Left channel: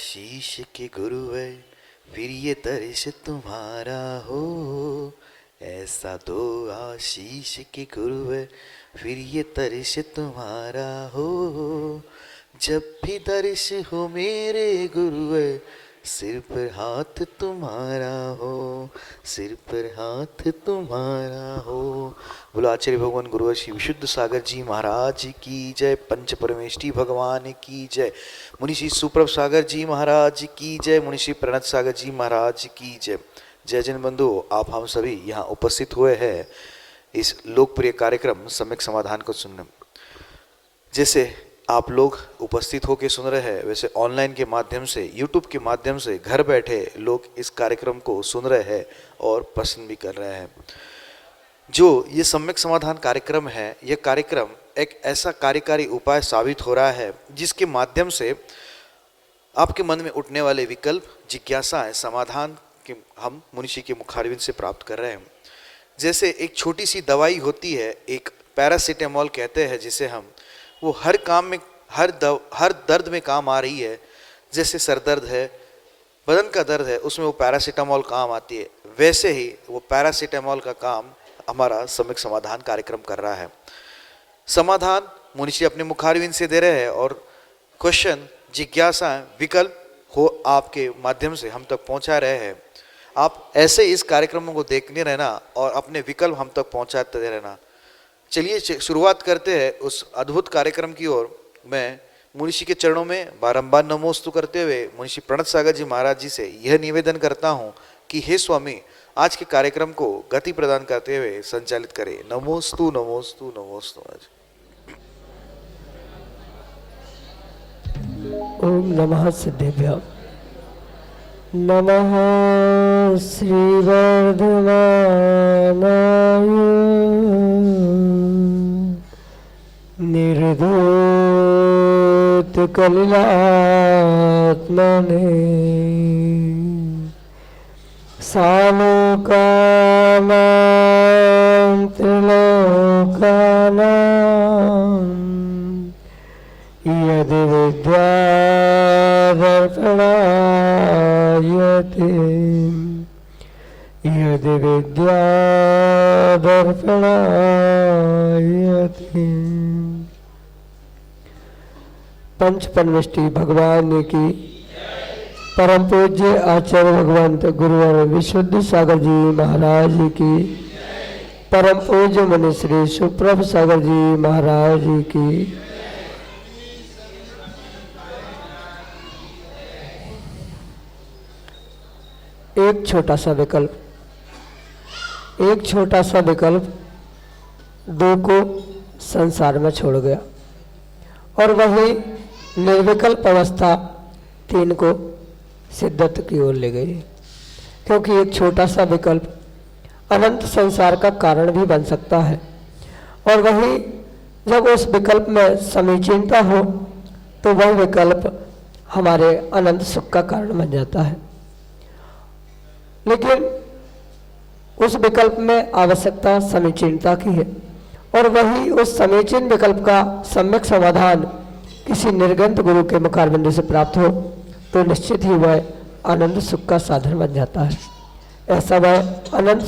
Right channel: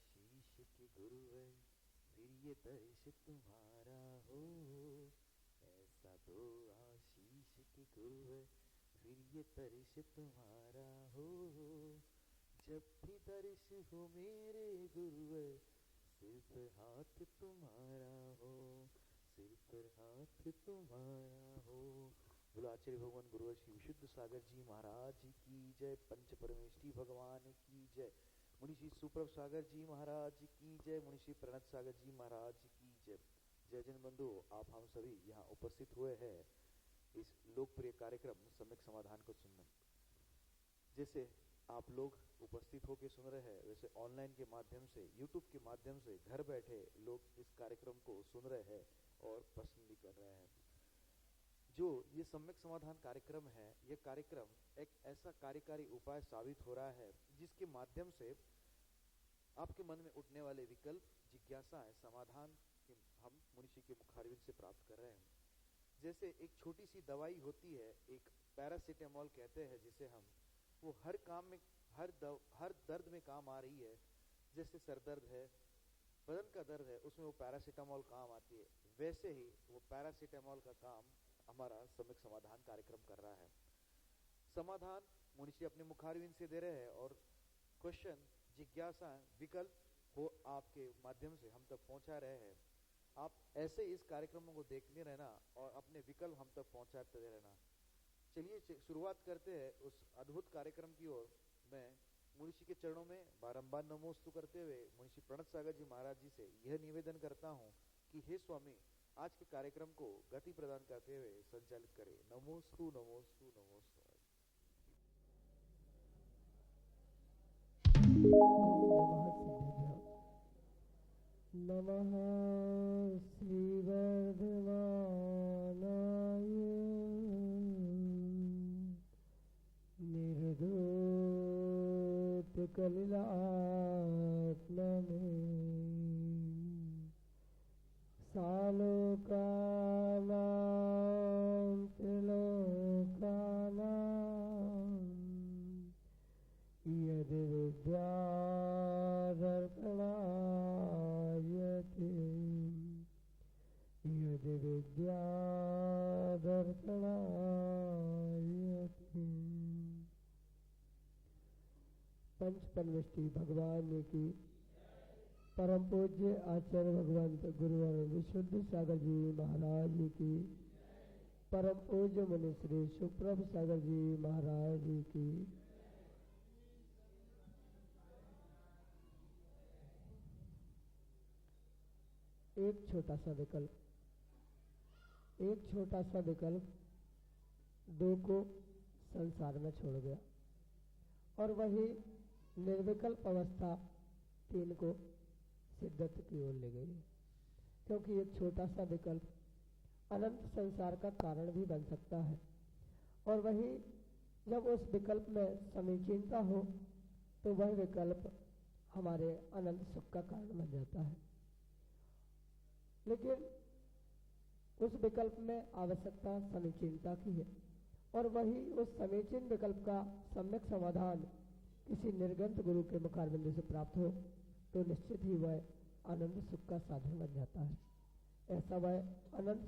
आशीष के गुरुवर फिर ये तरस तुम्हारा हो, ऐसा दो आशीष के गुरुवर फिर ये तरस तुम्हारा हो। जब भी दर्श हो मेरे गुरुवर सिर पर हाथ तुम्हारा हो, सिर पर हाथ तुम्हारा हो। बोलो आचार्य भगवान गुरुवर श्री विशुद्ध सागर जी महाराज की जय, पंच परमेष्ठी भगवान की जय, मुनि श्री सुप्रभ सागर जी महाराज की जय, मुनि श्री प्रणत सागर जी महाराज की जय। जय जन बंधु, आप हम सभी यहाँ उपस्थित हुए हैं इस लोकप्रिय कार्यक्रम सम्यक समाधान को सुनने। जैसे आप लोग उपस्थित होकर सुन रहे हैं, वैसे ऑनलाइन के माध्यम से, यूट्यूब के माध्यम से घर बैठे लोग इस कार्यक्रम को सुन रहे हैं और पसंद भी कर रहे हैं। जो ये सम्यक समाधान कार्यक्रम है, ये कार्यक्रम एक ऐसा कार्यकारी उपाय साबित हो रहा है जिसके माध्यम से आपके मन में उठने वाले विकल्प, जिज्ञासाएं, समाधान के हम मुनिषी के मुखारविंद से प्राप्त कर रहे हैं। जैसे एक छोटी सी दवाई होती है, एक पैरासीटामोल कहते हैं जिसे हम, वो हर काम में, हर दर्द में काम आ रही है। जैसे सर दर्द है, बदन का दर्द है, उसमें वो पैरासीटामोल काम आती है, वैसे ही वो पैरासीटामोल का काम हमारा सम्यक समाधान कार्यक्रम कर रहा है। समाधान मुनिषी अपने मुखारविंद से दे रहे हैं और क्वेश्चन, जिज्ञासाएं, विकल्प हो आपके माध्यम से हम तक पहुंचा रहे हैं। आप ऐसे इस कार्यक्रमों को देखने रहना और अपने विकल्प हम तक पहुंचाते रहना। चलिए शुरुआत करते हैं उस अद्भुत कार्यक्रम की ओर। मैं मुनिषी के चरणों में बारंबार नमोस्तु करते हुए मुनिषी प्रणत सागर जी महाराज जी से यह निवेदन करता हूं कि हे स्वामी, आज के कार्यक्रम को गति प्रदान करते हुए संचालित करें। नमोस्तु नमोस्तु नमोस्तु। ओम नमः सिद्धेभ्य। नमः श्री वर्धमानाय निर्धूत कलिलात्मने सालोकानां त्रिलोकानां यदि विद्यादर्पणायते, यदि विद्यादर्पणायते। पंच परमेष्ठी भगवान की, परम पूज्य आचार्य भगवंत गुरुवर विशुद्ध सागर जी महाराज की, परम पूज्य मुनि श्री सुप्रभ सागर जी महाराज की, एक छोटा सा विकल्प, एक छोटा सा विकल्प दो को संसार में छोड़ गया और वही निर्विकल्प अवस्था तीन को सिद्धत्व की ओर ले गई। क्योंकि एक छोटा सा विकल्प अनंत संसार का कारण भी बन सकता है और वही जब उस विकल्प में समीचीनता हो तो वह विकल्प हमारे अनंत सुख का कारण बन जाता है। लेकिन उस विकल्प में आवश्यकता समीचीनता की है और वही उस समीचीन विकल्प का सम्यक समाधान किसी निर्गंत गुरु के मुखारबिंदु से प्राप्त हो तो निश्चित ही वह आनंद सुख का साधन बन जाता है। ऐसा वह अनंत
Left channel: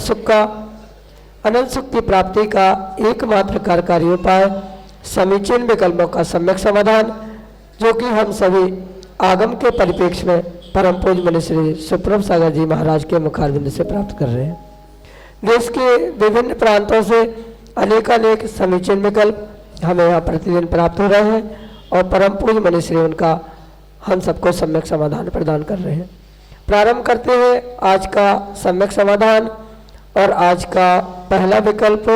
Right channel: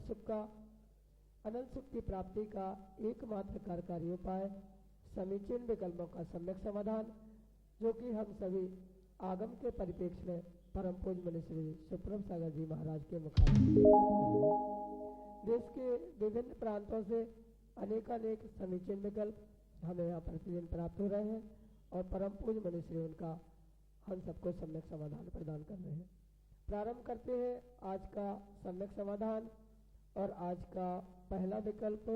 सुख की प्राप्ति का एकमात्र कार्यकारी उपाय समीचीन विकल्पों का सम्यक समाधान, जो कि हम सभी आगम के परिप्रेक्ष्य में परम पूज्य मुनि श्री सुप्रभ सागर जी महाराज के मुखारबिंद से प्राप्त कर रहे हैं। देश के विभिन्न प्रांतों से अनेकानेक समीचीन विकल्प हमें यहाँ प्रतिदिन प्राप्त हो रहे हैं और परम पूज्य मुनि श्री उनका हम सबको सम्यक समाधान प्रदान कर रहे हैं। प्रारंभ करते हैं आज का सम्यक समाधान और आज का पहला विकल्प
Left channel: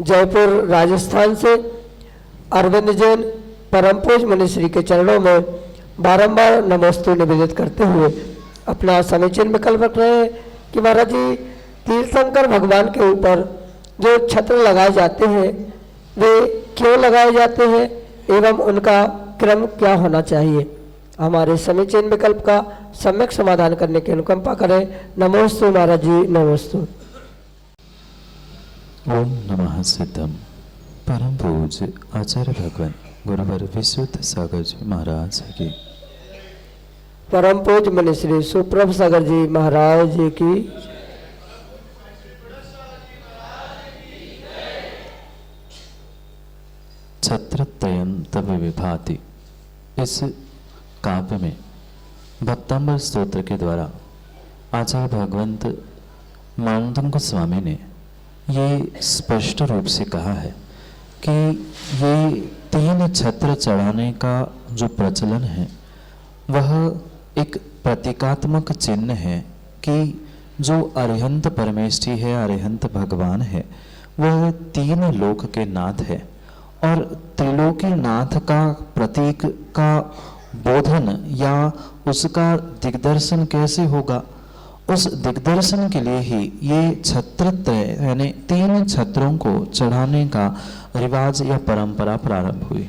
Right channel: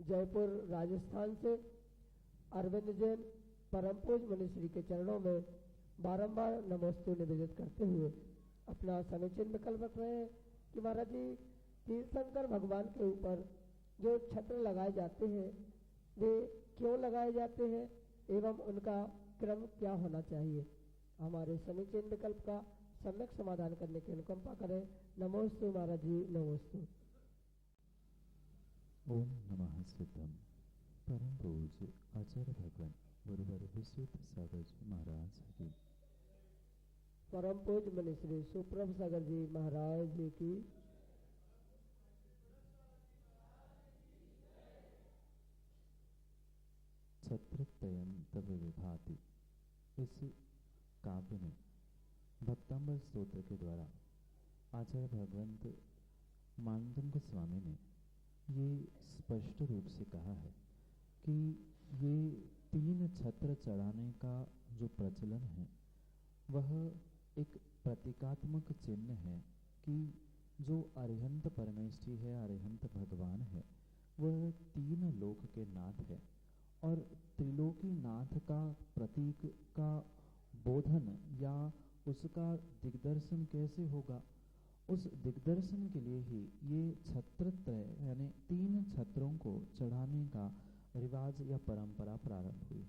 जयपुर राजस्थान से अरविंद जैन परम पूज्य मुनि श्री के चरणों में बारंबार नमोस्तु निवेदित करते हुए अपना समीचीन विकल्प रख रहे हैं कि महाराज जी, तीर्थंकर भगवान के ऊपर जो छत्र लगाए जाते हैं वे क्यों लगाए जाते हैं एवं उनका क्रम क्या होना चाहिए। हमारे समीचीन विकल्प का सम्यक समाधान करने की अनुकंपा करें। नमोस्तु महाराज जी, नमोस्तु। ओम नमः सिद्धम। परम पूज्य आचार्य भगवान गुरुवर विशुद्ध सागर जी महाराज की परम पूज्य मुनि श्री सुप्रभ सागर जी महाराज जी की। छत्रत्रयं तव विभाति, इस काव्य में भक्तांबर स्तोत्र के द्वारा आचार्य भगवंत मानदंग स्वामी ने ये स्पष्ट रूप से कहा है कि ये 3 छत्र चढ़ाने का जो प्रचलन है वह एक प्रतीकात्मक चिन्ह है कि जो अरिहंत परमेष्ठी है, अरिहंत भगवान है, वह 3 लोक के नाथ है और त्रिलोकी नाथ का प्रतीक का बोधन या उसका दिग्दर्शन कैसे होगा, उस दिग्दर्शन के लिए ही ये छत्रत्रय यानी 3 छत्रों को चढ़ाने का रिवाज या परंपरा प्रारंभ हुई।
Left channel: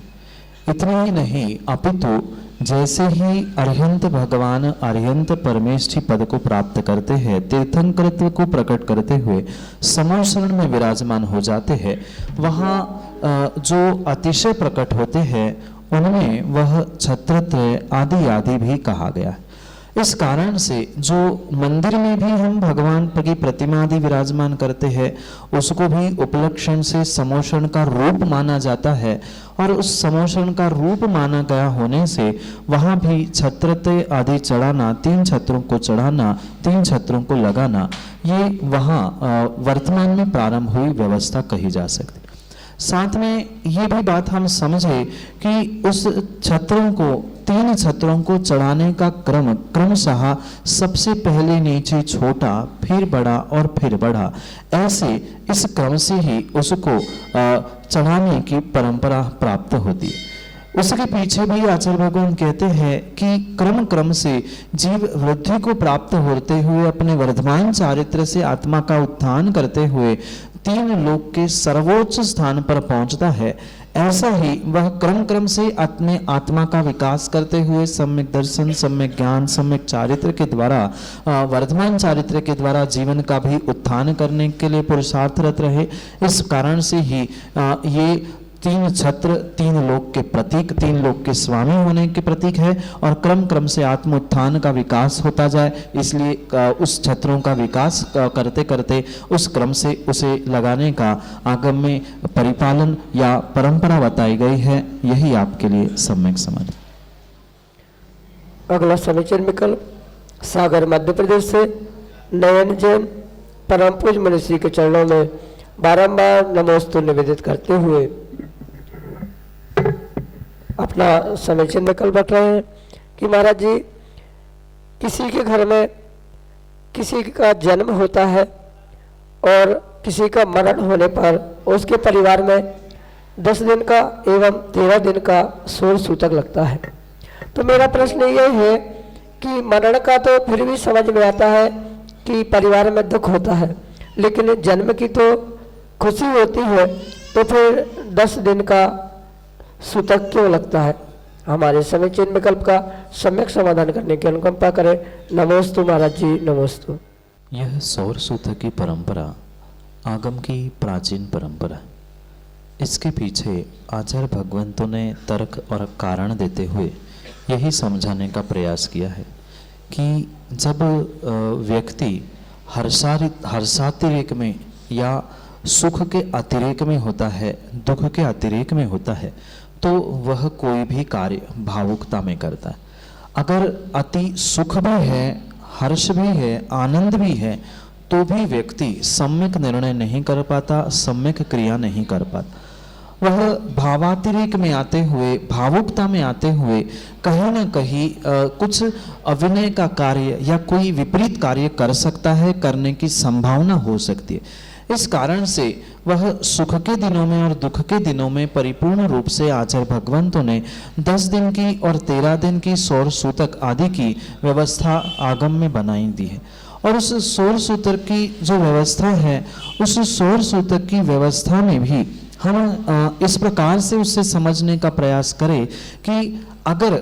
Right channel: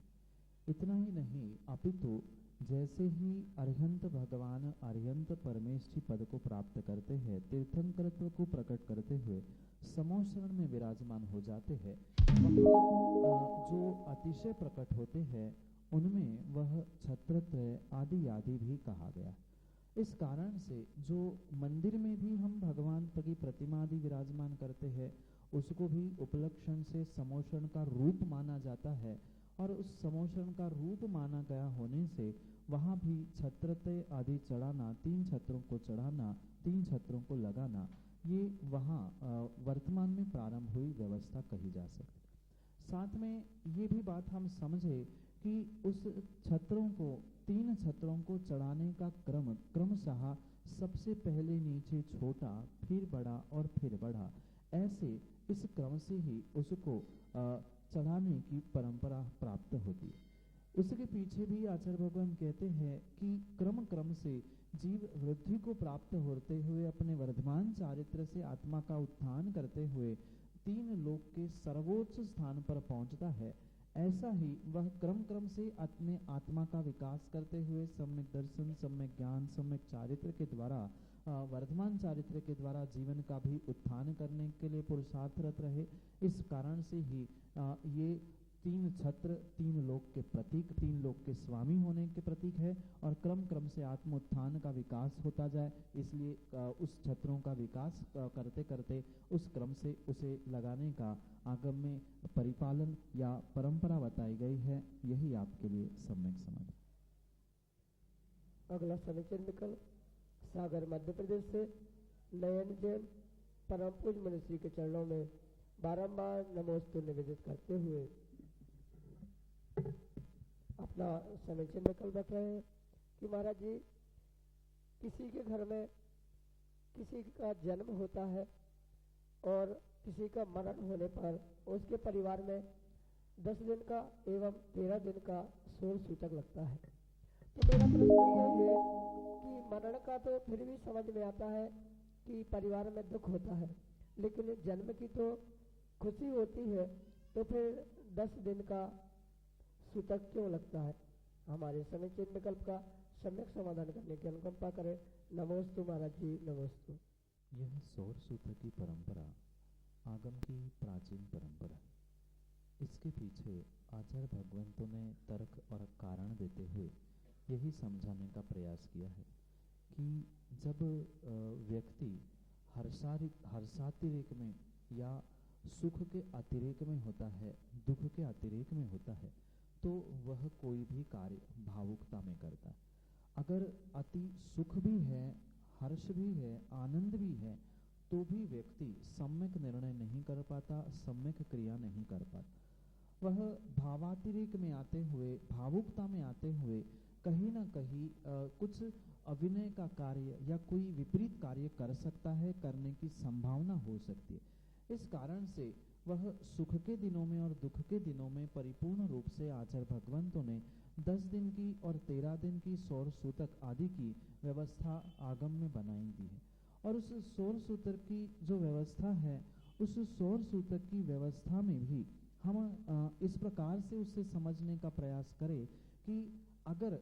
इतना ही नहीं अपितु जैसे ही अरिहंत भगवान अरिहंत परमेष्ठी पद को प्राप्त करते हैं, तीर्थंकरत्व को प्रकट करते हुए समोशरण में विराजमान हो जाते हैं, वहाँ जो अतिशय प्रकट होते हैं उनमें वह छत्रत्रय आदि आदि भी कहा गया है। इस कारण से जो मंदिर में भी हम भगवान की प्रतिमा आदि विराजमान करते हैं उसको भी उपलक्षण से समोषण का रूप माना जाता है और उस समोषण का रूप माना गया होने से वहाँ भी छत्रत्रय आदि चढ़ाना, 3 छत्रों को चढ़ाना, 3 छत्रों को लगाना, ये वहाँ वर्तमान में प्रारंभ हुई व्यवस्था कही जा सकती। साथ में ये भी बात हम समझे कि उस छत्रों को 3 छत्रों को चढ़ाने का क्रम क्रमशः सबसे पहले नीचे छोटा, फिर बड़ा और फिर बड़ा, ऐसे इस क्रम से ही उसको चढ़ाने की परंपरा प्राप्त होती है। उसके पीछे भी आचार्य भगवान कहते हैं कि क्रम क्रम से जीव वृद्धि को प्राप्त होते हुए अपने वर्धमान चारित्र से आत्मा का उत्थान करते हुए 3 लोक के सर्वोच्च स्थान पर पहुंचता है। ऐसा ही वह क्रम क्रम से अपने आत्मा का विकास करते हुए सम्यक दर्शन, सम्यक ज्ञान, सम्यक चारित्र के द्वारा वर्धमान चारित्र के द्वारा जीवन का भी उत्थान करने के लिए पुरुषार्थरत रहे। इस कारण से ही ये 3 छत्र 3 लोक के प्रतीक, 3 लोक के स्वामी होने के प्रतीक है और क्रम क्रम से आत्म उत्थान का विकास होता जाए, इसलिए उस छत्रों का विकास करते करते उस क्रम से उसे लगाने का आगम में परिपालन या परंपरा बताई गई है। यही आपके लिए सम्यक समझ। अगला समीचीन विकल्प सागर मध्य प्रदेश से नयन जैन परम पूज्य मुनि श्री के चरणों में बारंबार नमोस्तु निवेदित करते हुए अपना समीचीन विकल्प बता रहे हैं कि महाराज जी, किसी के घर में किसी का जन्म होता है और किसी का मरण होने पर उसके परिवार में 10 दिन का एवं 13 दिन का सोल सूतक लगता है। तो मेरा प्रश्न ये है कि मरण का तो फिर भी समझ में आता है कि परिवार में दुख होता है, लेकिन जन्म की तो खुशी होती है, तो फिर 10 दिन का सूतक क्यों लगता है? हमारे समीचीन विकल्प का सम्यक समाधान करने की अनुकंपा करें। नमोस्तु महाराज जी, नमोस्तु। यह सौर सूतक की परंपरा आगम की प्राचीन परंपरा। इसके पीछे आचार्य भगवंतों ने तर्क और कारण देते हुए यही समझाने का प्रयास किया है कि जब व्यक्ति हर्षातिरेक में या सुख के अतिरेक में होता है, दुख के अतिरेक में होता है, तो वह कोई भी कार्य भावुकता में करता है। अगर अति सुख भी है, हर्ष भी है, आनंद भी है, तो भी व्यक्ति सम्यक निर्णय नहीं कर पाता, सम्यक क्रिया नहीं कर पाता। वह भावातिरेक में आते हुए, भावुकता में आते हुए कहीं ना कहीं कुछ अविनय का कार्य या कोई विपरीत कार्य कर सकता है, करने की संभावना हो सकती है। इस कारण से वह सुख के दिनों में और दुख के दिनों में परिपूर्ण रूप से आचार्य भगवंतों ने 10 दिन की और 13 दिन की सौर सूतक आदि की व्यवस्था आगम में बनाई दी है। और उस सौर सूतक की जो व्यवस्था है, उस सौर सूतक की व्यवस्था में भी हम इस प्रकार से उससे समझने का प्रयास करें कि अगर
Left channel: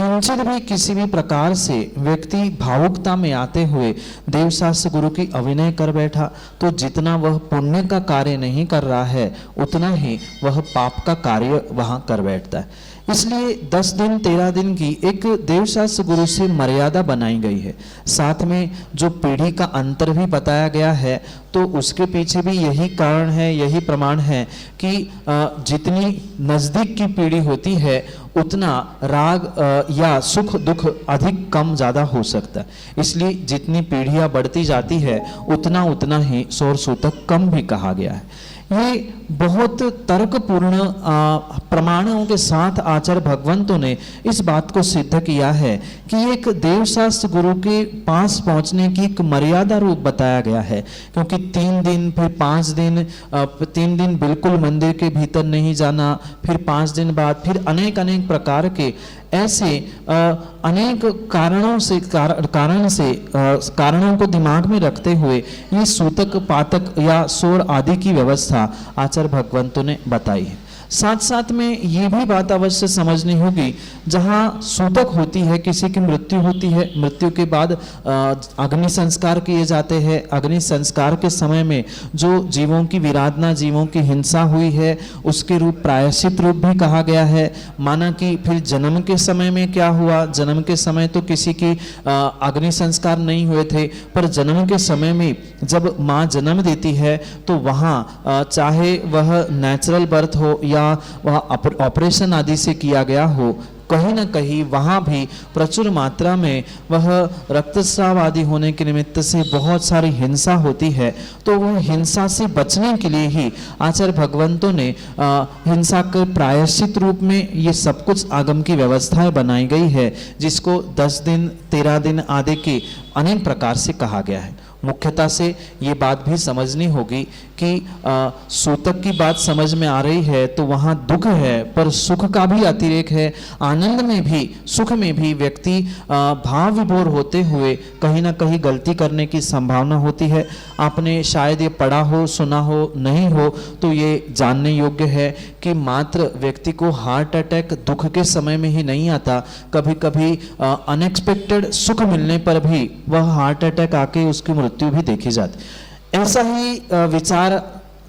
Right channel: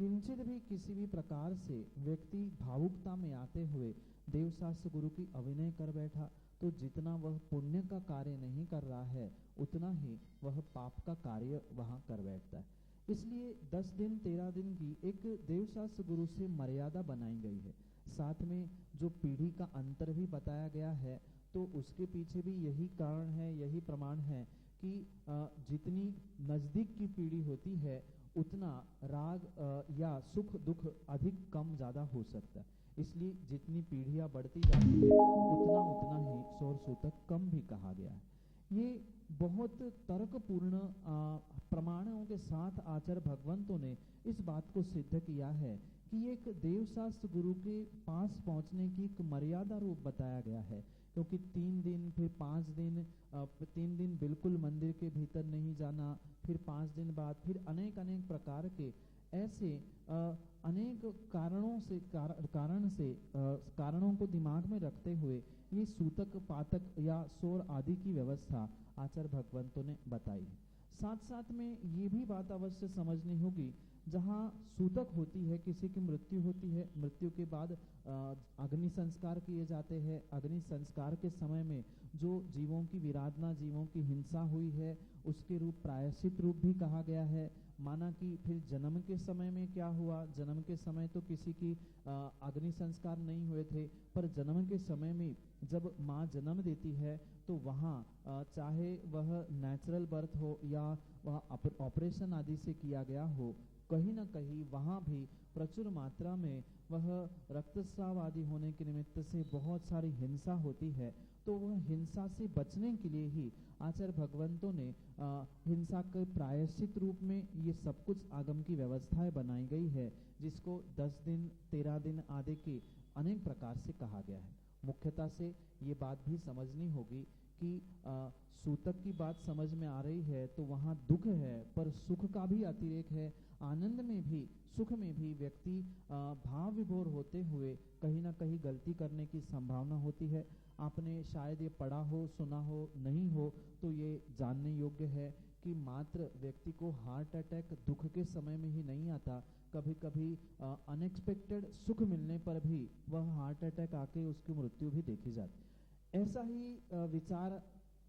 किंचित भी किसी भी प्रकार से व्यक्ति भावुकता में आते हुए देवशास्त्र गुरु की अभिनय कर बैठा तो जितना वह पुण्य का कार्य नहीं कर रहा है उतना ही वह पाप का कार्य वहां कर बैठता है। इसलिए 10 दिन 13 दिन की एक देवशास्त्र गुरु से मर्यादा बनाई गई है। साथ में जो पीढ़ी का अंतर भी बताया गया है तो उसके पीछे भी यही कारण है, यही प्रमाण है कि जितनी नज़दीक की पीढ़ी होती है उतना राग या सुख दुख अधिक कम ज़्यादा हो सकता है। इसलिए जितनी पीढ़ियां बढ़ती जाती है उतना उतना ही सौर सूतक कम भी कहा गया है। ये बहुत तर्कपूर्ण प्रमाणों के साथ आचार्य भगवंतों ने इस बात को सिद्ध किया है कि एक देवशास्त्र गुरु के पास पहुंचने की एक मर्यादा रूप बताया गया है, क्योंकि 3 दिन फिर 5 दिन 3 दिन बिल्कुल मंदिर के भीतर नहीं जाना, फिर 5 दिन बाद फिर अनेक अनेक प्रकार के ऐसे अनेक कारणों को दिमाग में रखते हुए ये सूतक पातक या सोर आदि की व्यवस्था आचार्य भगवंतों ने बताई है। साथ साथ में ये भी बात अवश्य समझनी होगी, जहाँ सूतक होती है, किसी की मृत्यु होती है, मृत्यु के बाद अग्नि संस्कार किए जाते हैं। अग्नि संस्कार के समय में जो जीवों की विराधना, जीवों की हिंसा हुई है उसके रूप प्रायश्चित रूप भी कहा गया है। माना कि फिर जन्म के समय में क्या हुआ, जन्म के समय तो किसी की अग्नि संस्कार नहीं हुए थे, पर जन्म के समय में जब माँ जन्म देती है तो वहाँ चाहे वह नेचुरल बर्थ हो या वह ऑपरेशन आदि से किया गया हो, कहीं ना कहीं वहाँ भी प्रचुर मात्रा में वह रक्तस्राव आदि होने के निमित्त से बहुत सारी हिंसा होती है। तो वह हिंसा से बचने के लिए ही आचार्य भगवंतों ने हिंसा के प्रायश्चित रूप में ये सब कुछ आगम की व्यवस्थाएं बनाई गई है, जिसको 10 दिन 13 दिन आदि के अनेक प्रकार से कहा गया है। मुख्यतः से ये बात भी समझनी होगी कि सूतक की बात समझ में आ रही है तो वहाँ दुख है, पर सुख का भी अतिरेक है। आनंद में भी सुख में भी व्यक्ति भाव विभोर होते हुए कहीं ना कहीं गलती करने की संभावना होती है। आपने शायद ये पढ़ा हो, सुना हो, नहीं हो तो ये जानने योग्य है कि मात्र व्यक्ति को हार्ट अटैक दुख के समय में ही नहीं आता, कभी कभी अनएक्सपेक्टेड सुख मिलने पर भी वह हार्ट अटैक आके उसकी मृत्यु भी देखी जाती। ऐसा ही विचार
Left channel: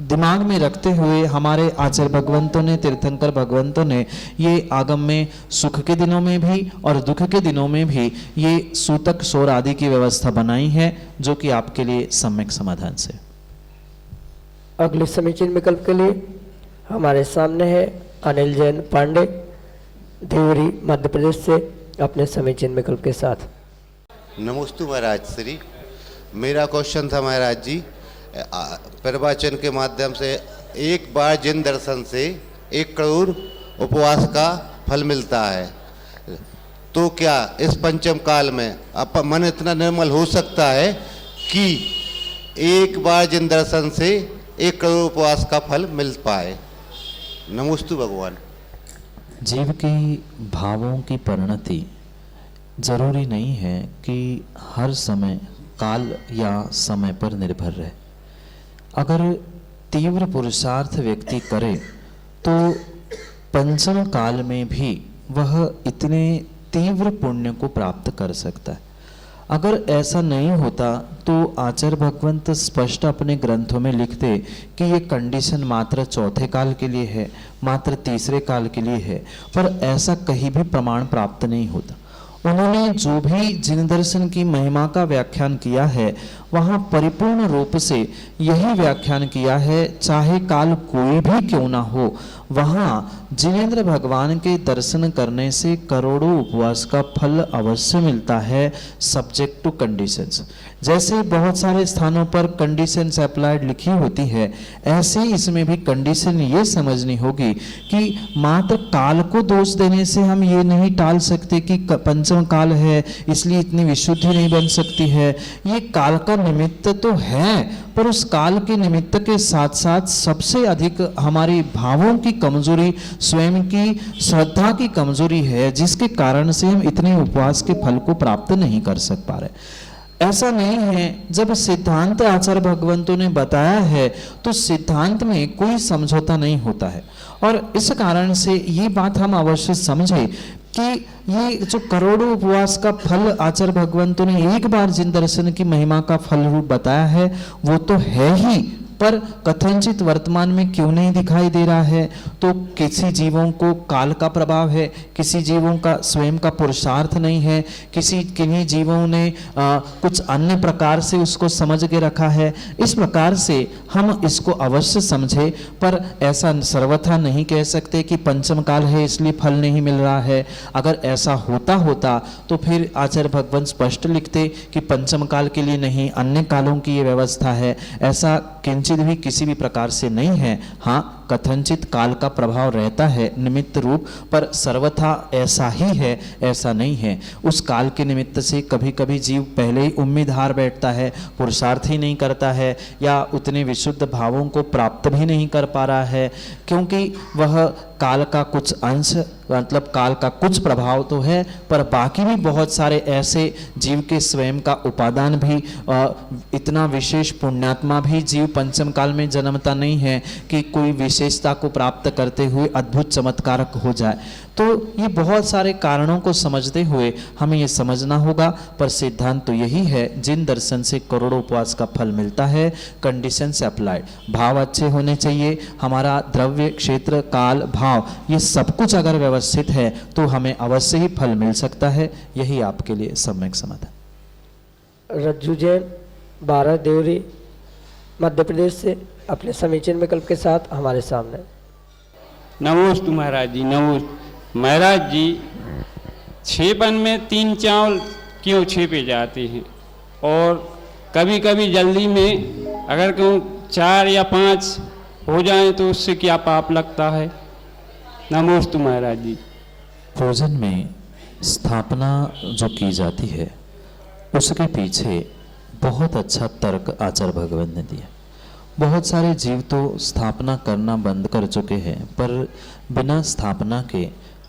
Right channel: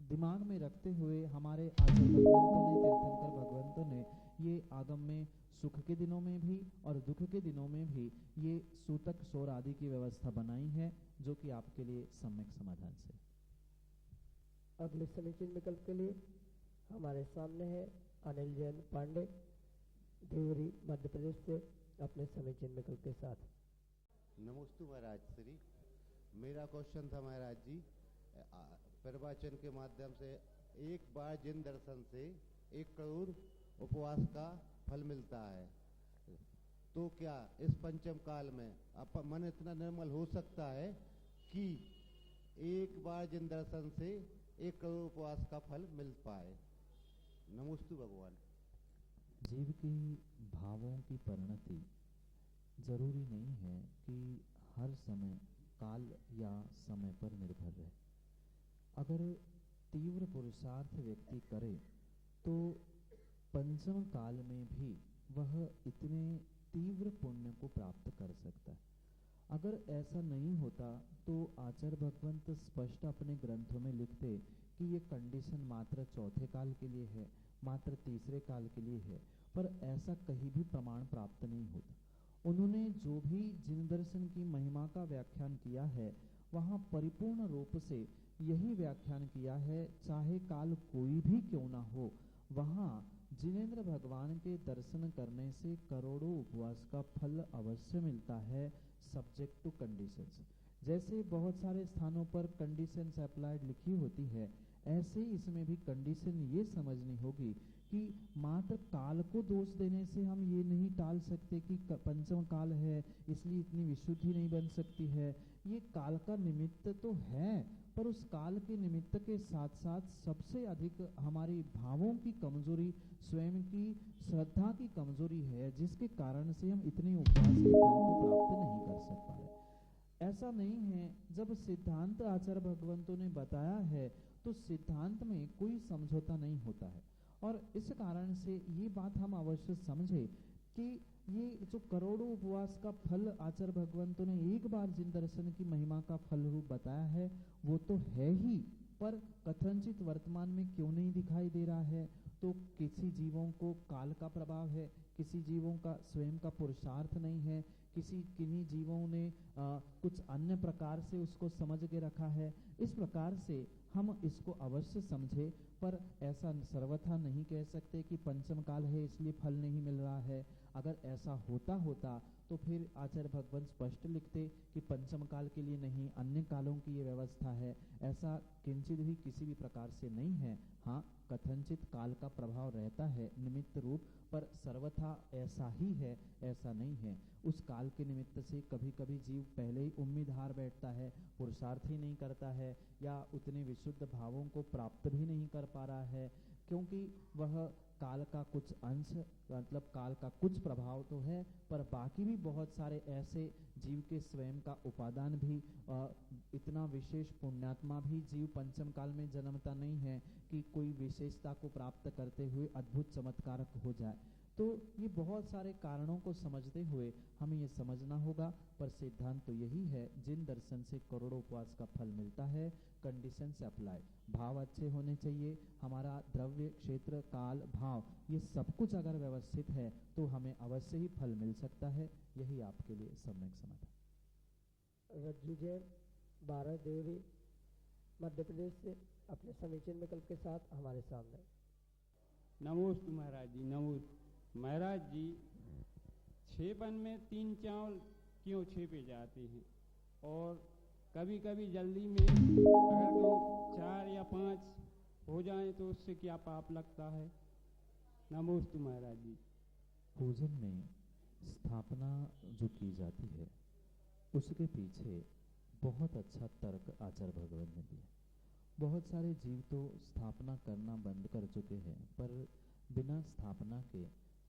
दिमाग में रखते हुए हमारे आचार्य भगवंतों ने, तीर्थंकर भगवंतों ने ये आगम में सुख के दिनों में भी और दुख के दिनों में भी ये सूतक सोर आदि की व्यवस्था बनाई है, जो कि आपके लिए सम्यक समाधान से। अगले समीचीन विकल्प के लिए हमारे सामने है अनिल जैन पांडे, देवरी मध्य प्रदेश से, अपने समीचीन विकल्प के साथ। नमोस्तु महाराज श्री, मेरा क्वेश्चन था महाराज जी, प्रवचन के माध्यम से एक बार जिन दर्शन से 1 करोड़ उपवास का फल मिलता है, तो क्या इस पंचम काल में मन इतना निर्मल हो सकता है कि एक बार जिन दर्शन से 1 करोड़ उपवास का फल मिल पाए? नमोस्तु भगवान। जीव की भावों की परिणति जरूरी नहीं है कि हर समय काल या समय पर निर्भर रहे। अगर तीव्र पुरुषार्थ व्यक्ति करे तो पंचम काल में भी वह इतने तीव्र पुण्य को प्राप्त कर सकता है। अगर ऐसा नहीं होता तो आचार्य भगवंत स्पष्ट अपने ग्रंथों में लिखते कि ये कंडीशन मात्र चौथे काल के लिए है, मात्र तीसरे काल के लिए है, पर ऐसा कहीं भी प्रमाण प्राप्त नहीं होता। उन्होंने जो भी जिन दर्शन की महिमा का व्याख्यान किया है वहाँ परिपूर्ण रूप से यही व्याख्यान किया है, चाहे काल कोई भी क्यों ना हो, वहाँ जिनेंद्र भगवान के दर्शन करने से करोड़ों उपवास का फल अवश्य मिलता है, सब्जेक्ट टू कंडीशंस। जैसे बहुत सारे स्थानों पर कंडीशंस अप्लाइड लिखी होती है, ऐसे इसमें भी कंडीशन ये समझनी होगी कि मात्र काल को दोष देने से हम ये नहीं टाल सकते कि पंचम काल है इसलिए इतनी विशुद्धि नहीं बन सकती है। ये काल का निमित्त तो है, पर उस काल के निमित्त के साथ साथ सबसे अधिक हमारी भावों की कमजोरी, स्वयं की श्रद्धा की कमजोरी है, जिसके कारण से हम इतने उपवास के फल को प्राप्त नहीं कर सक पा रहे। ऐसा नहीं है, जब सिद्धांत आचार्य भगवंतों ने बताया है तो सिद्धांत में कोई समझौता नहीं होता है। और इस कारण से ये बात हम अवश्य समझे कि ये जो करोड़ों उपवास का फल आचार्य भगवंतों ने एक बार जिन दर्शन की महिमा का फल रूप बताया है वो तो है ही, पर कथनचित वर्तमान में क्यों नहीं दिखाई दे रहा है? तो किसी जीवों को काल का प्रभाव है, किसी जीवों का स्वयं का पुरुषार्थ नहीं है, किन्हीं जीवों ने कुछ अन्य प्रकार से उसको समझ के रखा है। इस प्रकार से हम इसको अवश्य समझे, पर ऐसा सर्वथा नहीं कह सकते कि पंचम काल है इसलिए फल नहीं मिल रहा है। अगर ऐसा होता तो फिर आचार्य भगवंत स्पष्ट लिखते कि पंचम काल के लिए नहीं, अन्य कालों की ये व्यवस्था है। ऐसा किंचित भी किसी भी प्रकार से नहीं है। हाँ, कथनचित काल का प्रभाव रहता है निमित्त रूप, पर सर्वथा ऐसा ही है ऐसा नहीं है। उस काल के निमित्त से कभी कभी जीव पहले ही उम्मीद हार बैठता है, पुरुषार्थ ही नहीं करता है, या उतने विशुद्ध भावों को प्राप्त भी नहीं कर पा रहा है, क्योंकि वह काल का कुछ अंश, मतलब काल का कुछ प्रभाव तो है, पर बाकी भी बहुत सारे ऐसे जीव के स्वयं का उपादान भी, इतना विशेष पुण्यात्मा भी जीव पंचम काल में जन्मता नहीं है कि कोई विशेषता को प्राप्त करते हुए अद्भुत चमत्कारक हो जाए। तो ये बहुत सारे कारणों को समझते हुए हमें ये समझना होगा, पर सिद्धांत तो यही है, जिन दर्शन से करोड़ों उपवास का फल मिलता है, कंडीशन से अप्लाइड, भाव अच्छे होने चाहिए, हमारा द्रव्य, क्षेत्र, काल, भाव, ये सब कुछ अगर व्यवस्थित है तो हमें अवश्य ही फल मिल सकता है। यही आपके लिए सम्यक समाधान। रज्जू जैन, 12 देवरी, मध्य प्रदेश से अपने समीचीन विकल्प के साथ हमारे सामने। नमोस्तु महाराज जी, नमोस्तु महाराज जी। छेपन में 3 चावल क्यों छेपे जाते हैं? और कभी कभी जल्दी में अगर क्यों 4 या 5 हो जाएं तो उससे क्या पाप लगता है? नमोस्तु महाराज जी। भोजन में स्थापना जो की जाती है उसके पीछे बहुत अच्छा तर्क आचार्य भगवंत ने दिया। बहुत सारे जीव तो स्थापना करना बंद कर चुके हैं, पर बिना स्थापना के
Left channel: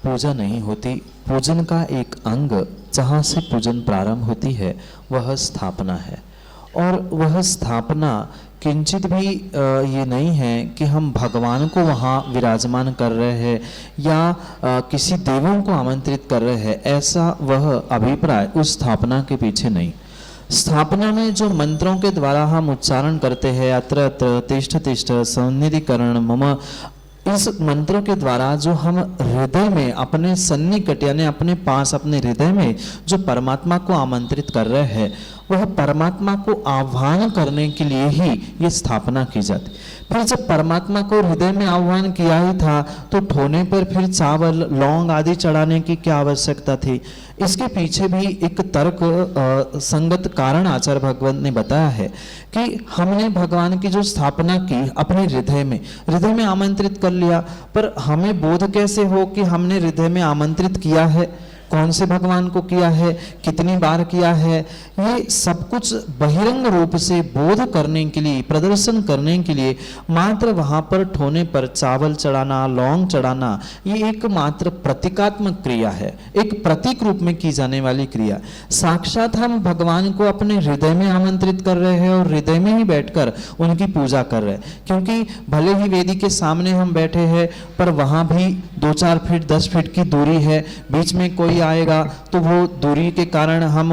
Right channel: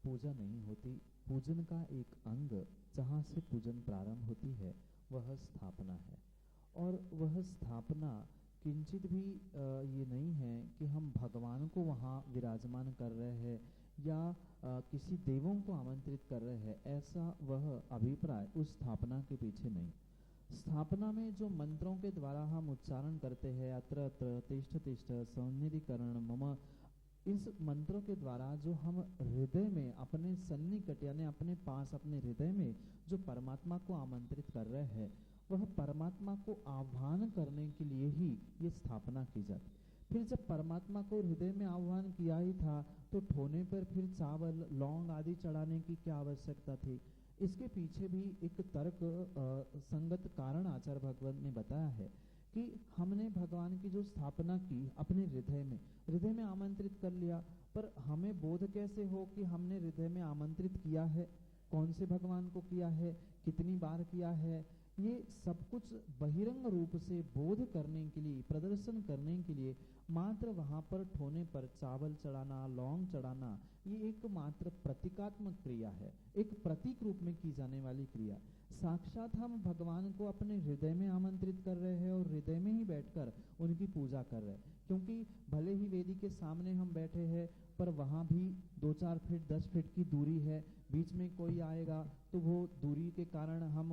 पूजा नहीं होती। पूजन का एक अंग जहाँ से पूजन प्रारंभ होती है वह स्थापना है, और वह स्थापना किंचित भी ये नहीं है कि हम भगवान को वहाँ विराजमान कर रहे हैं या किसी देवों को आमंत्रित कर रहे हैं, ऐसा वह अभिप्राय उस स्थापना के पीछे नहीं। स्थापना में जो मंत्रों के द्वारा हम उच्चारण करते हैं, अत्र अत्र तिष्ठ तिष्ठ सन्निधिकरण मम, इस मंत्रों के द्वारा जो हम हृदय में अपने सन्निकट यानी अपने पास, अपने हृदय में जो परमात्मा को आमंत्रित कर रहे हैं, वह परमात्मा को आह्वान करने के लिए ही ये स्थापना की जाती। फिर जब परमात्मा को हृदय में आह्वान किया ही था तो ठोने पर फिर चावल, लौंग आदि चढ़ाने की क्या आवश्यकता थी? इसके पीछे भी एक तर्क संगत कारण आचार्य भगवंत ने बताया है कि हमने भगवान की जो स्थापना की अपने हृदय में आमंत्रित कर लिया, पर हमें बोध कैसे हो कि हमने हृदय में आमंत्रित किया है, कौन से भगवान को किया है, कितनी बार किया है, ये सब कुछ बहिरंग रूप से बोध करने के लिए, प्रदर्शन करने के लिए मात्र वहां पर ठोने पर चावल चढ़ाना, लौंग चढ़ाना, ये एक मात्र प्रतीकात्मक क्रिया है, एक प्रतीक रूप में की जाने वाली क्रिया। साक्षात हम भगवान को अपने हृदय में आमंत्रित कर रहे हैं और हृदय में ही बैठकर उनकी पूजा कर रहे हैं, क्योंकि भले ही वेदी के सामने हम बैठे हैं, पर वहां भी 2-4 फीट 10 फीट की दूरी है, बीच में कोई आएगा तो वो दूरी के कारण हम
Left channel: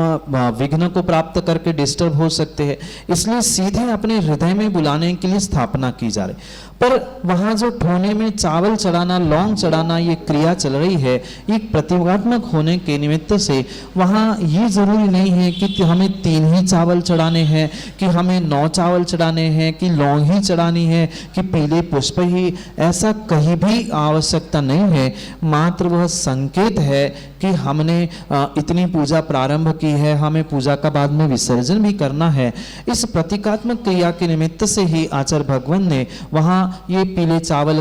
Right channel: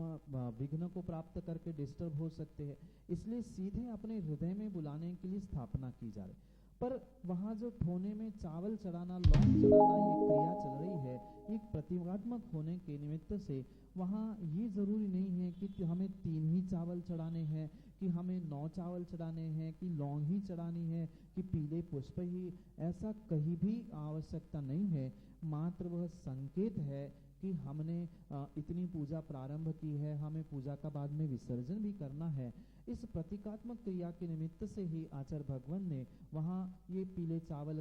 विघ्न को प्राप्त करके डिस्टर्ब हो सकते हैं। इसलिए सीधे अपने हृदय में बुलाने के लिए स्थापना की जा रही, पर वहां जो ठोने में चावल चढ़ाना, लौंग चढ़ाना, ये क्रिया चल रही है, एक प्रतीकात्मक होने के निमित्त से वहां ये जरूरी नहीं है कि हमें 3 ही चावल चढ़ाने हैं, कि हमें 9 चावल चढ़ाने हैं, कि लौंग ही चढ़ानी है, कि पीले पुष्प ही, ऐसा कहीं भी आवश्यकता नहीं है। मात्र वह संकेत है कि हमने इतनी पूजा प्रारंभ की है, हमें पूजा का बाद में विसर्जन भी करना है। इस प्रतीकात्मक क्रिया के निमित्त से ही आचार्य भगवंत ने वहां ये पीले चावल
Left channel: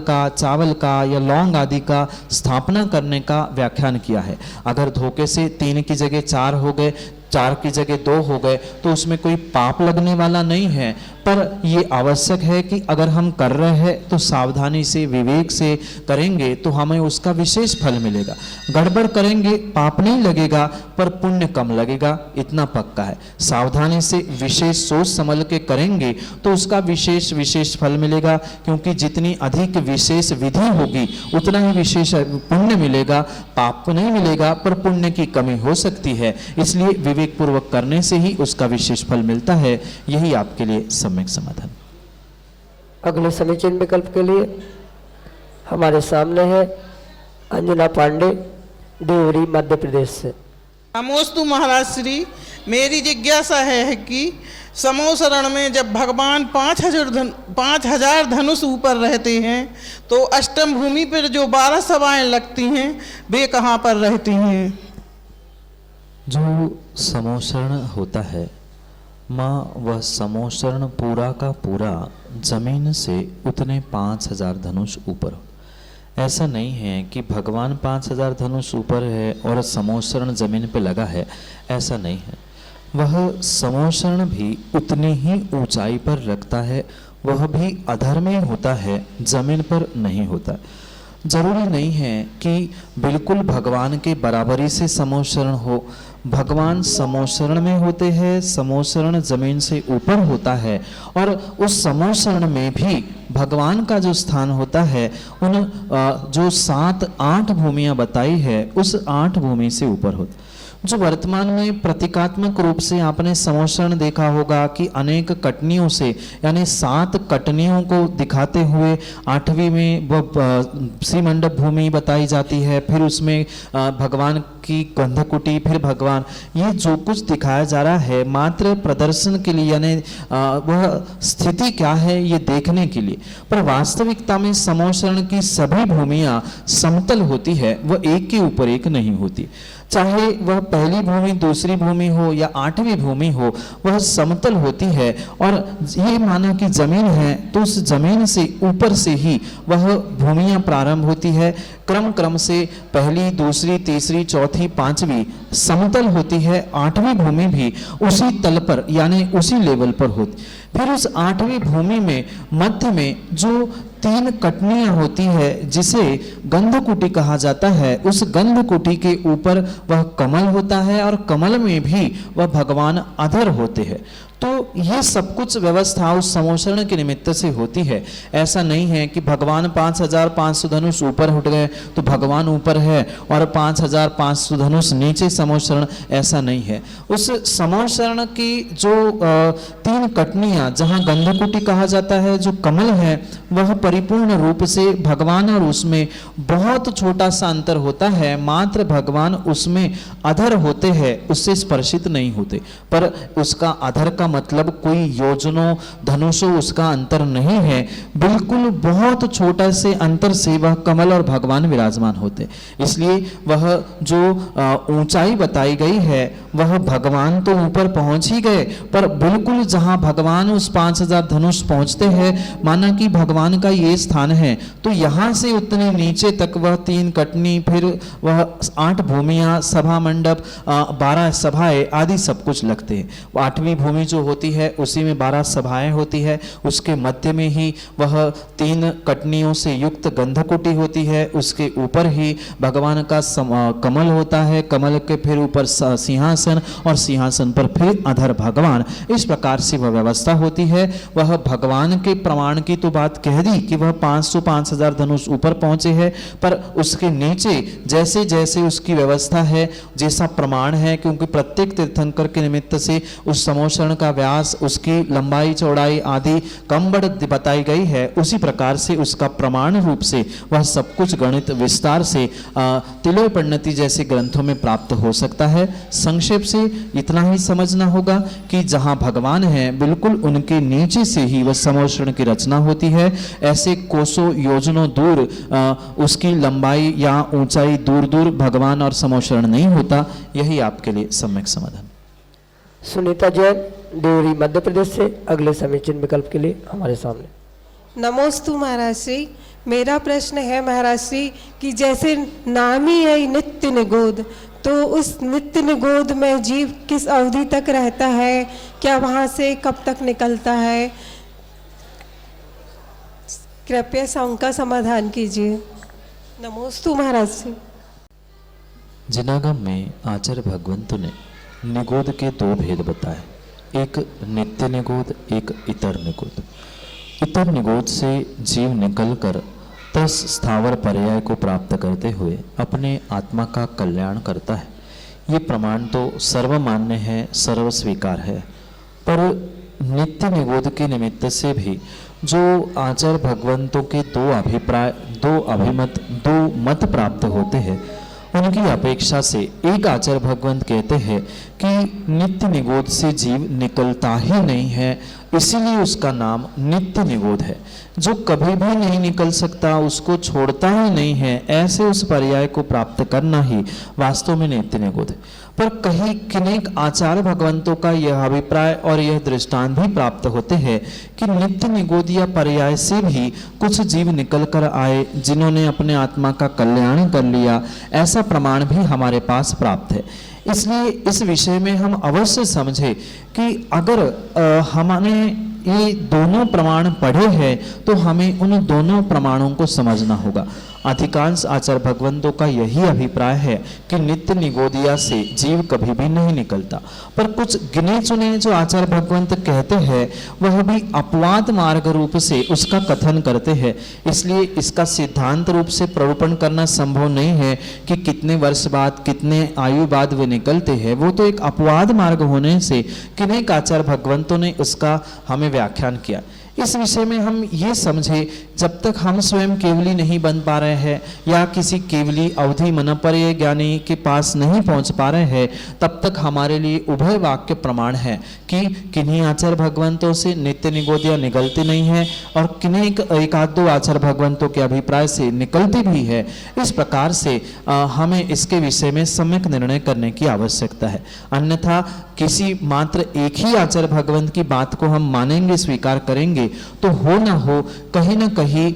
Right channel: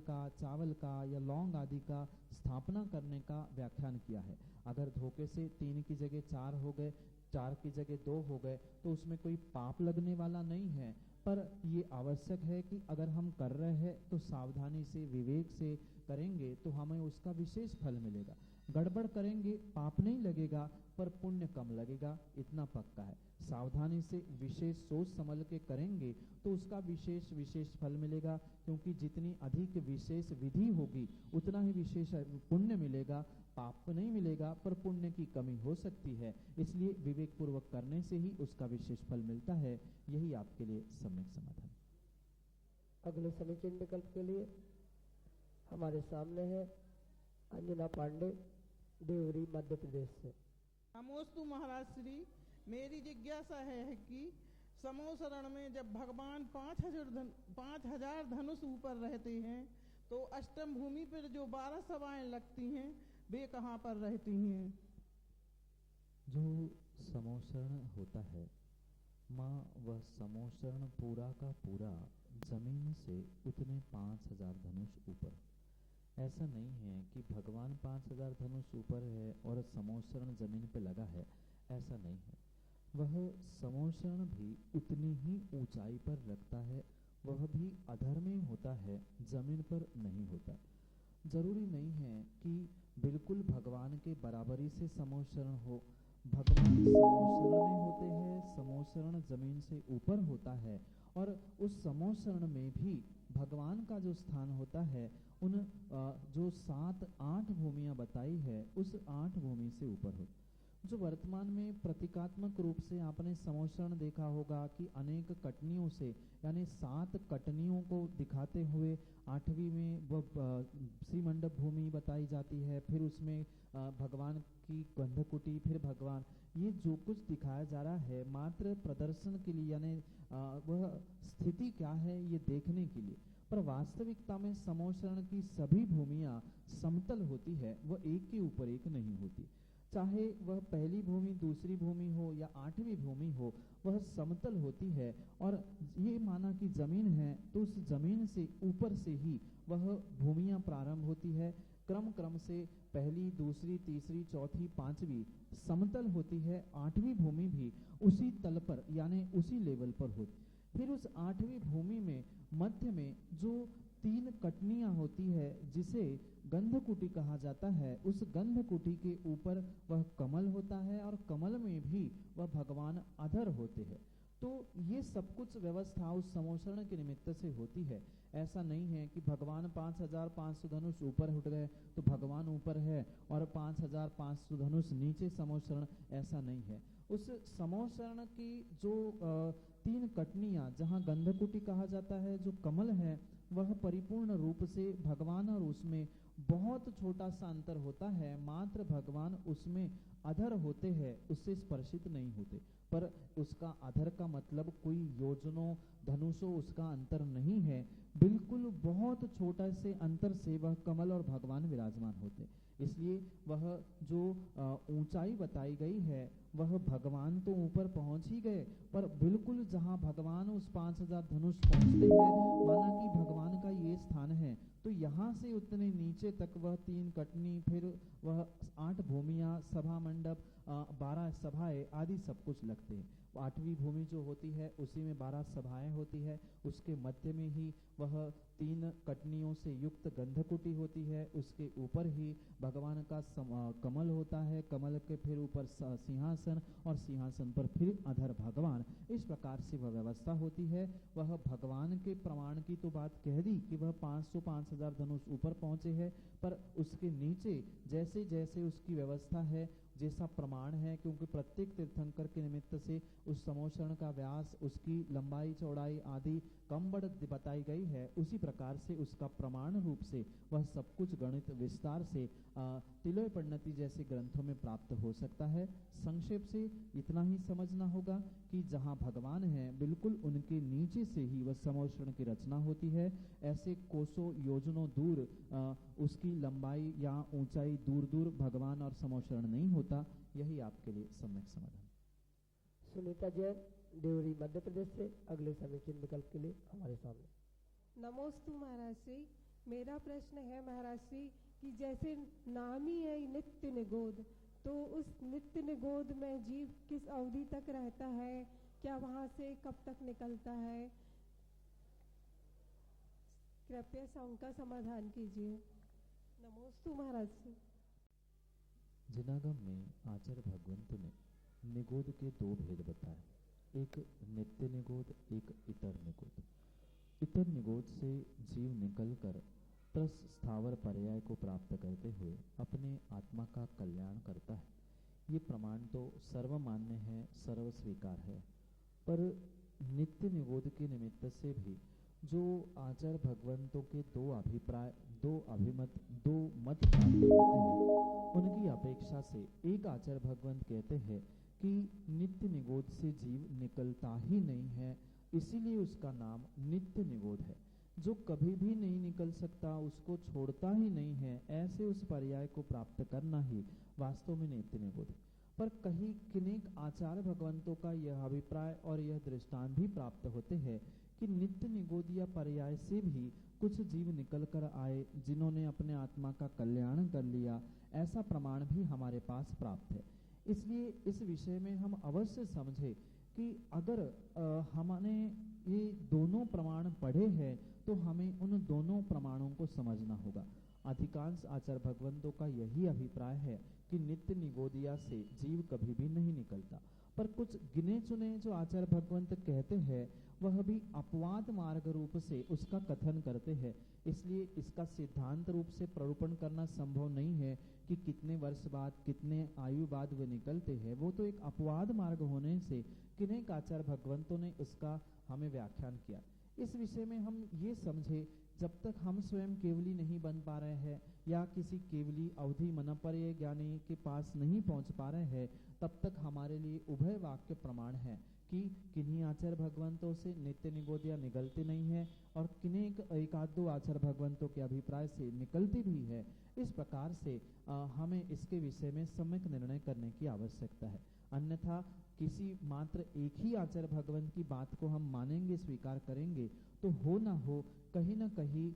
का या लौंग आदि का स्थापना करने का व्याख्यान किया है। अगर धोखे से 3 की जगह 4 हो गए, 4 की जगह 2 हो गए तो उसमें कोई पाप लगने वाला नहीं है, पर ये आवश्यक है कि अगर हम कर रहे हैं तो सावधानी से विवेक से करेंगे तो हमें उसका विशेष फल मिलेगा। गड़बड़ करेंगे पाप नहीं लगेगा पर पुण्य कम लगेगा, इतना पक्का है। सावधानी से विशेष सोच समझ के करेंगे तो उसका विशेष फल मिलेगा, क्योंकि जितनी अधिक विशेष विधि होगी उतना ही विशेष पुण्य मिलेगा। पाप नहीं मिलेगा पर पुण्य की कमी हो सकती है, इसलिए विवेक पूर्वक करने से ही उसका विशेष फल मिलता है। यही आपके लिए सम्यक समाधान। अगले समीचीन विकल्प के लिए हमारे सामने है अंजना पांडे, देवरी, मध्य प्रदेश से। नमोस्तु महाराज श्री, मेरी जिज्ञासा है कि समूह शरण में जब भगवान 5000 धनुष ऊपर रहते हैं तो अष्टम भूमि पर जो 12 सभाएं लगती हैं वे कहाँ पर रहती हैं? जो समोशरण होता है माँ, वह समोशरण पूरा का पूरा जमीन से उतने 5000 धनुष ऊपर हो। ऐसा नहीं है कि भगवान 5000 धनुष ऊपर है और समोशरण जमीन पे लगा है, ऐसा नहीं है। वह समोशरण भी उतनी ही ऊंचाई पर रखता है, वह भी अधर में होता है, जमीन पर नहीं होता। जरूरी नहीं है कि बिल्कुल भगवान के बराबरी से समोशरण हो। भगवान समोशरण में होते हैं, समोशरण जमीन से ऊपर होता है, और उस समोशरण में भी भगवान का जो स्थान होता है उन जो 7-8 भूमियां बताई है उस 8 भूमि से ऊपर होता। जो वर्तमान में प्रतीकात्मक रूप से आपने समोशरण देखा होगा कि अनेक कटनियों से, यानी 7 कटनियों को दिखाते हुए 8वीं में वह श्रीमंडप भूमि बताई जाती है, फिर उसमें भगवान की गंधकुटी, फिर भगवान, ये जो कुछ दिखाया जा रहा है मात्र प्रदर्शन के लिए, यानी वह स्थिति क्या है ये देखने के लिए। पर वास्तविकता में समोशरण की सभी भूमियां समतल होती है, वह एक के ऊपर एक नहीं होती। चाहे वह पहली भूमि, दूसरी भूमि हो या 8वीं भूमि हो, वह समतल होती है। और ये माना कि जमीन है तो उस जमीन से ऊपर से ही वह भूमियां प्रारंभ होती है। क्रम से पहली, दूसरी, तीसरी, चौथी, 5वीं समतल होती है। 8वीं भूमि भी उसी तल पर यानी उसी लेवल पर होती। फिर उस 8वीं भूमि में मध्य में जो 3 कटनियां होती है जिसे गंधकुटी कहा जाता है, उस गंधकुटी के ऊपर वह कमल होता है और कमल में भी वह भगवान अधर होते हैं। तो ये सब कुछ व्यवस्था उस समोशरण के निमित्त से होती है। ऐसा नहीं है कि भगवान 5500 धनुष ऊपर उठ गए तो भगवान ऊपर है और 5500 धनुष नीचे समोशरण, ऐसा नहीं है। उस समोशरण की जो 3 कटनियां, जहां गंधकुटी कहा जाता है, जो कमल है, वह परिपूर्ण रूप से भगवान और उसमें बहुत छोटा सा अंतर होता है। मात्र भगवान उसमें अधर होते हैं, उससे स्पर्शित नहीं होते। पर उसका अधर का मतलब कोई योजनों धनुषों उसका अंतर नहीं है, बिल्कुल बहुत छोटा से अंतर से वह कमल और भगवान विराजमान होते। इसलिए वह जो ऊंचाई बताई गई है वह भगवान तो ऊपर पहुंच ही गए, पर बिल्कुल जहां भगवान उस 5000 धनुष पहुंचते हैं, माना कि भगवान का ये स्थान है, तो यहां से उतने नीचे तक वह 3 कटनी, फिर वह 8 भूमियां, सभा मंडप, 12 सभाएं आदि सब कुछ लगते हैं। 8वीं भूमि जो होती है उसी में 12 सभाएं होती है, उसके मध्य में ही वह 3 कटनियों से युक्त गंधकुटी होती है, उसके ऊपर ही भगवान का कमल होता है, कमल के फिर ऊपर सिंहासन और सिंहासन पर फिर अधर भगवान। इस प्रकार से वह व्यवस्था होती है। वह भगवान के प्रमाण की तो बात कह दी कि वह 5000 धनुष ऊपर पहुंचे हैं, पर उसके नीचे जैसे जैसे उसकी व्यवस्था है, जैसा प्रमाण है, क्योंकि प्रत्येक तीर्थंकर के निमित्त से उस समोशरण का व्यास, उसकी लंबाई चौड़ाई आदि कम बढ़ बताई गई है, उसी प्रकार से उसका प्रमाण रूप से वह सब कुछ गणित विस्तार से तिलोय परिणति जैसे ग्रंथों में प्राप्त हो सकता है। संक्षेप से इतना ही समझना होगा कि जहां भगवान है बिल्कुल उनके नीचे से ही वह समोशरण की रचना होती है। ऐसे कोसों योजनों दूर उसकी लंबाई या ऊंचाई दूर दूर भगवान और समोशरण नहीं होता। यही आपके लिए सम्यक समाधान। सुनीता जैन, देवरी, मध्य प्रदेश से अगले समीचीन विकल्प के लिए हमारे सामने। नमोस्तु महाराज श्री। मेरा प्रश्न है महाराज श्री कि जैसे नाम ही है नित्य निगोद, तो उस नित्य निगोद में जीव किस अवधि तक रहता है, क्या वहाँ से कब तक निकलता है? कृपया उनका समाधान कीजिए। नमोस्तु महाराज श्री। जिनागम में आचार्य भगवंतु ने निगोद के दो भेद बताए, एक नित्य निगोद, एक इतर निगोद। इतर निगोद से जीव निकलकर तस स्थावर पर्याय को प्राप्त करते हुए अपने आत्मा का कल्याण करता है। ये प्रमाण तो सर्वमान्य है, सर्व स्वीकार है, पर नित्य निगोद के निमित्त से भी जो आचार्य भगवंतों के दो अभिप्राय, दो अभिमत, दो मत प्राप्त होते हैं, उनकी अपेक्षा से एक आचार्य भगवंत कहते हैं कि नित्य निगोद से जीव निकलता ही नहीं है, इसीलिए उसका नाम नित्य निगोद है। जो कभी भी नहीं निकल सकता, उसको छोड़ता ही नहीं है, ऐसे उस पर्याय को प्राप्त करना ही वास्तव में नित्य निगोद है। पर कहीं किनेक आचार्य भगवंतों का यह अभिप्राय और यह दृष्टांत भी प्राप्त होते हैं कि नित्य निगोदिया पर्याय से भी कुछ जीव निकल कर आए जिन्होंने अपने आत्मा का कल्याण कर लिया, ऐसा प्रमाण भी हमारे पास प्राप्त है। इसलिए इस विषय में हम अवश्य समझे कि अगर हमने ये दोनों प्रमाण पढ़े हैं तो हमें उन दोनों प्रमाणों को समझना होगा। अधिकांश आचार्य भगवंतों का यही अभिप्राय है कि नित्य निगोदिया से जीव कभी भी नहीं निकलता, पर कुछ गिने चुने जो आचार्य भगवंत कहते हैं वह भी अपवाद मार्ग रूप से उसका कथन करते हैं। इसलिए इसका सिद्धांत रूप से प्ररूपण करना संभव नहीं है कि कितने वर्ष बाद, कितने आयु बाद वे निकलते हैं। वो तो एक अपवाद मार्ग होने से किनेक आचार्य भगवंतों ने उसका हमें व्याख्यान किया। इस विषय में हम ये समझे, जब तक हम स्वयं केवली नहीं बन पा रहे हैं या किसी केवली अवधि मनपर्य ज्ञानी के पास नहीं पहुंच पा रहे हैं, तब तक हमारे लिए उभय वाक्य प्रमाण है कि किन्हीं आचार्य भगवंतों से नित्य निगोदिया निकलती नहीं है और किन्हीं एक आध दो आचार्य भगवंतों के अभिप्राय से निकलती भी है। इस प्रकार से हमें इसके विषय में सम्यक निर्णय करने की आवश्यकता है। अन्यथा किसी मात्र एक ही आचार्य भगवंत की बात को हम मानेंगे, स्वीकार करेंगे, तो हो ना हो कहीं ना कहीं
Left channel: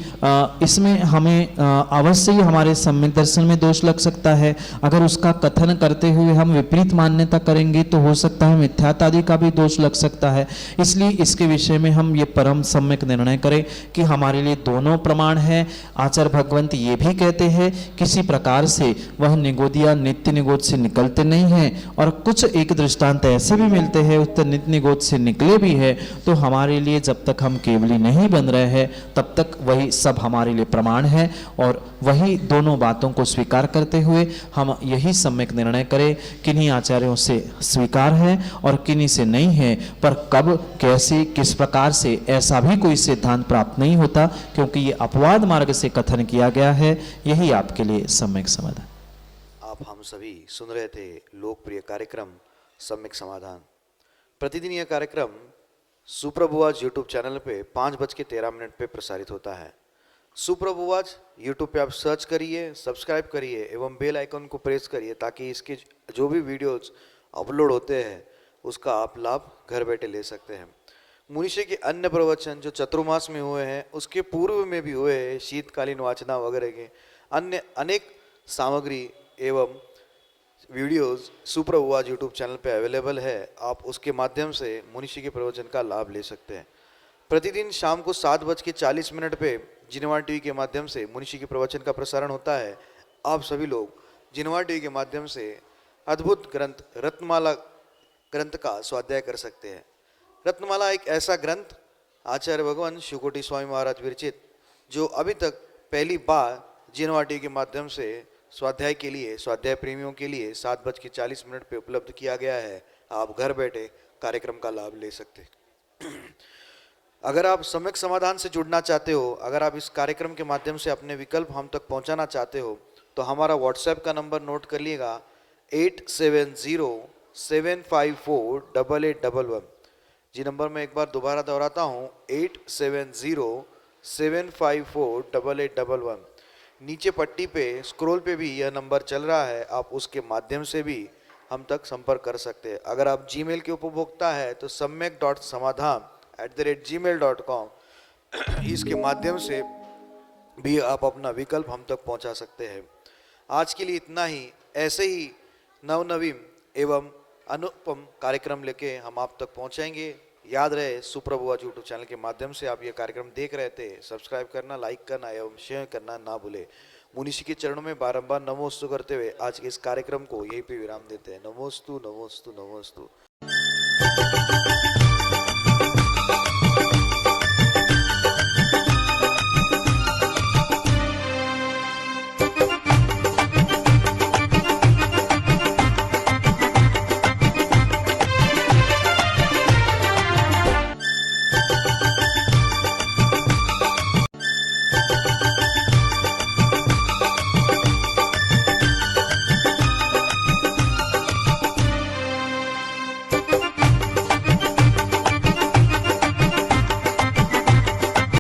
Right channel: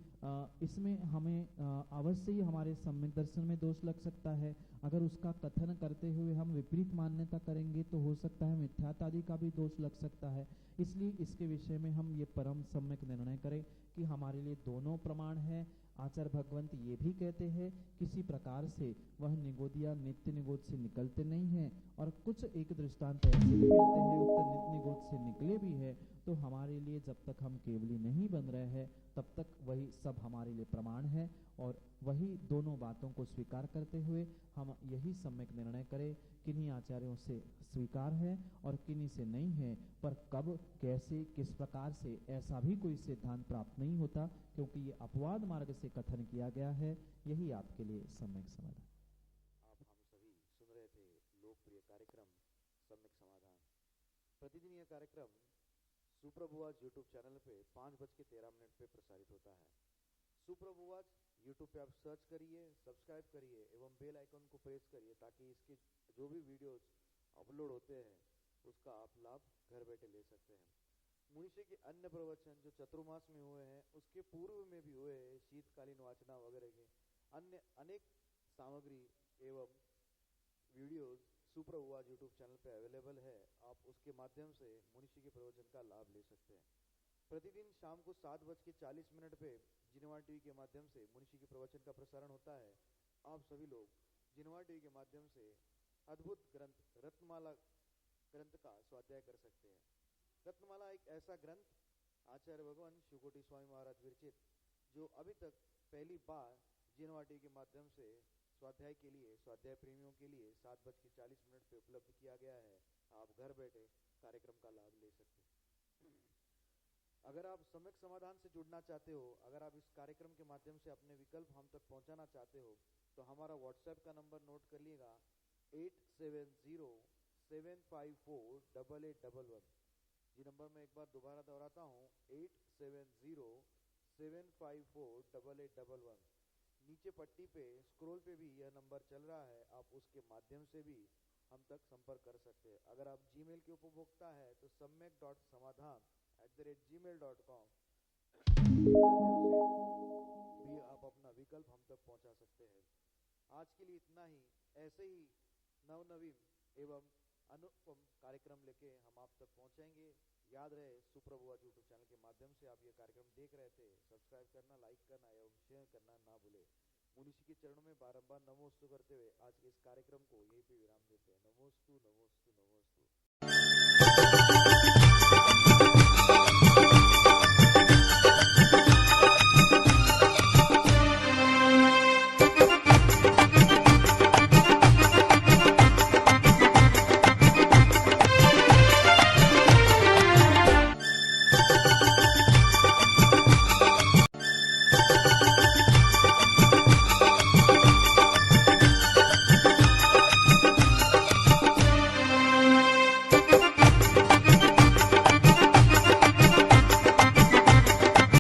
इसमें हमें अवश्य ही हमारे सम्यक दर्शन में दोष लग सकता है। अगर उसका कथन करते हुए हम विपरीत मान्यता करेंगे तो हो सकता है मिथ्यात्व आदि का भी दोष लग सकता है। इसलिए इसके विषय में हम ये परम सम्यक निर्णय करें कि हमारे लिए दोनों प्रमाण है। आचार्य भगवंत ये भी कहते हैं किसी प्रकार से वह निगोदिया नित्य निगोद से निकलते नहीं हैं, और कुछ एक दृष्टांत ऐसे भी मिलते हैं उत्तर नित्य निगोद से निकले भी है। तो हमारे लिए जब तक हम केवली नहीं बन रहे हैं तब तक वही सब हमारे लिए प्रमाण है, और वही दोनों बातों को स्वीकार करते हुए हम यही सम्यक निर्णय करें किन्हीं आचार्यों से स्वीकार है और किन्हीं से नहीं है। पर कब, कैसे, किस प्रकार से, ऐसा भी कोई सिद्धांत प्राप्त नहीं होता, क्योंकि ये अपवाद मार्ग से कथन किया गया है। यही आपके लिए सम्यक समाधान। आप हम सभी सुन रहे थे लोकप्रिय कार्यक्रम सम्यक समाधान। प्रतिदिन यह कार्यक्रम सुप्रभुवाज यूट्यूब चैनल पे 5:13 पे प्रसारित होता है। सुप्रभुवाज यूट्यूब पे आप सर्च करिए, सब्सक्राइब करिए एवं बेल आइकन को प्रेस करिए ताकि इसके जो भी वीडियोज अपलोड होते हैं उसका आप लाभ घर बैठे ले सकते हैं। मुनिषी के अन्य प्रवचन जो चतुर्मास में हुए हैं उसके पूर्व में भी हुए हैं, शीतकालीन वाचना वगैरह के अन्य अनेक सामग्री एवं वीडियोस सुप्रभुवाज यूट्यूब चैनल पे अवेलेबल है। आप उसके माध्यम से मुनिषी के प्रवचन का लाभ ले सकते हैं। प्रतिदिन शाम को 7:40 पे जिनवार टीवी के माध्यम से मुनिषी के प्रवचन का प्रसारण होता है। आप सभी लोग जिनवार टीवी के माध्यम से अद्भुत ग्रंथ रत्नमाला ग्रंथ का स्वाध्याय कर सकते हैं। रत्नमाला एक ऐसा ग्रंथ आचार्य भगवान शिवकोटि स्वामी महाराज विरचित, जो अभी तक पहली बार जिनवार टीवी के माध्यम से स्वाध्याय के लिए, स्वाध्याय प्रेमियों के लिए 7:40 पे उपलब्ध किया गया है। आप घर बैठे कार्यक्रम का लाभ ले सकते हैं। अगर आप सम्यक समाधान से जुड़ना चाहते हो, अगर आप इस कार्यक्रम के माध्यम से अपने विकल्प हम तक पहुंचाना चाहते हो, तो हमारा व्हाट्सएप का नंबर नोट कर लिएगा 8707548811। जी नंबर मैं एक बार दोबारा दोहराता हूँ, 8707548811। नीचे पट्टी पे स्क्रॉल पे भी यह नंबर चल रहा है, आप उसके माध्यम से भी हम तक संपर्क कर सकते हैं। अगर आप जीमेल के उपभोक्ता है तो सम्यक.समाधान@gmail.com इसके माध्यम से भी आप अपना विकल्प हम तक पहुंचा सकते हैं। आज के लिए इतना ही। ऐसे ही नवनवीन एवं अनुपम कार्यक्रम लेके हम आप तक पहुंचाएंगे। याद रहे, सुप्रभु आज यूट्यूब चैनल के माध्यम से आप ये कार्यक्रम देख रहे थे। सब्सक्राइब करना, लाइक करना एवं शेयर करना ना भूले। मुनिषी के चरणों में बारंबार नमोस्तु करते हुए आज के इस कार्यक्रम को यहीं पे विराम देते हैं। नमोस्तु नमोस्तु नमोस्तु।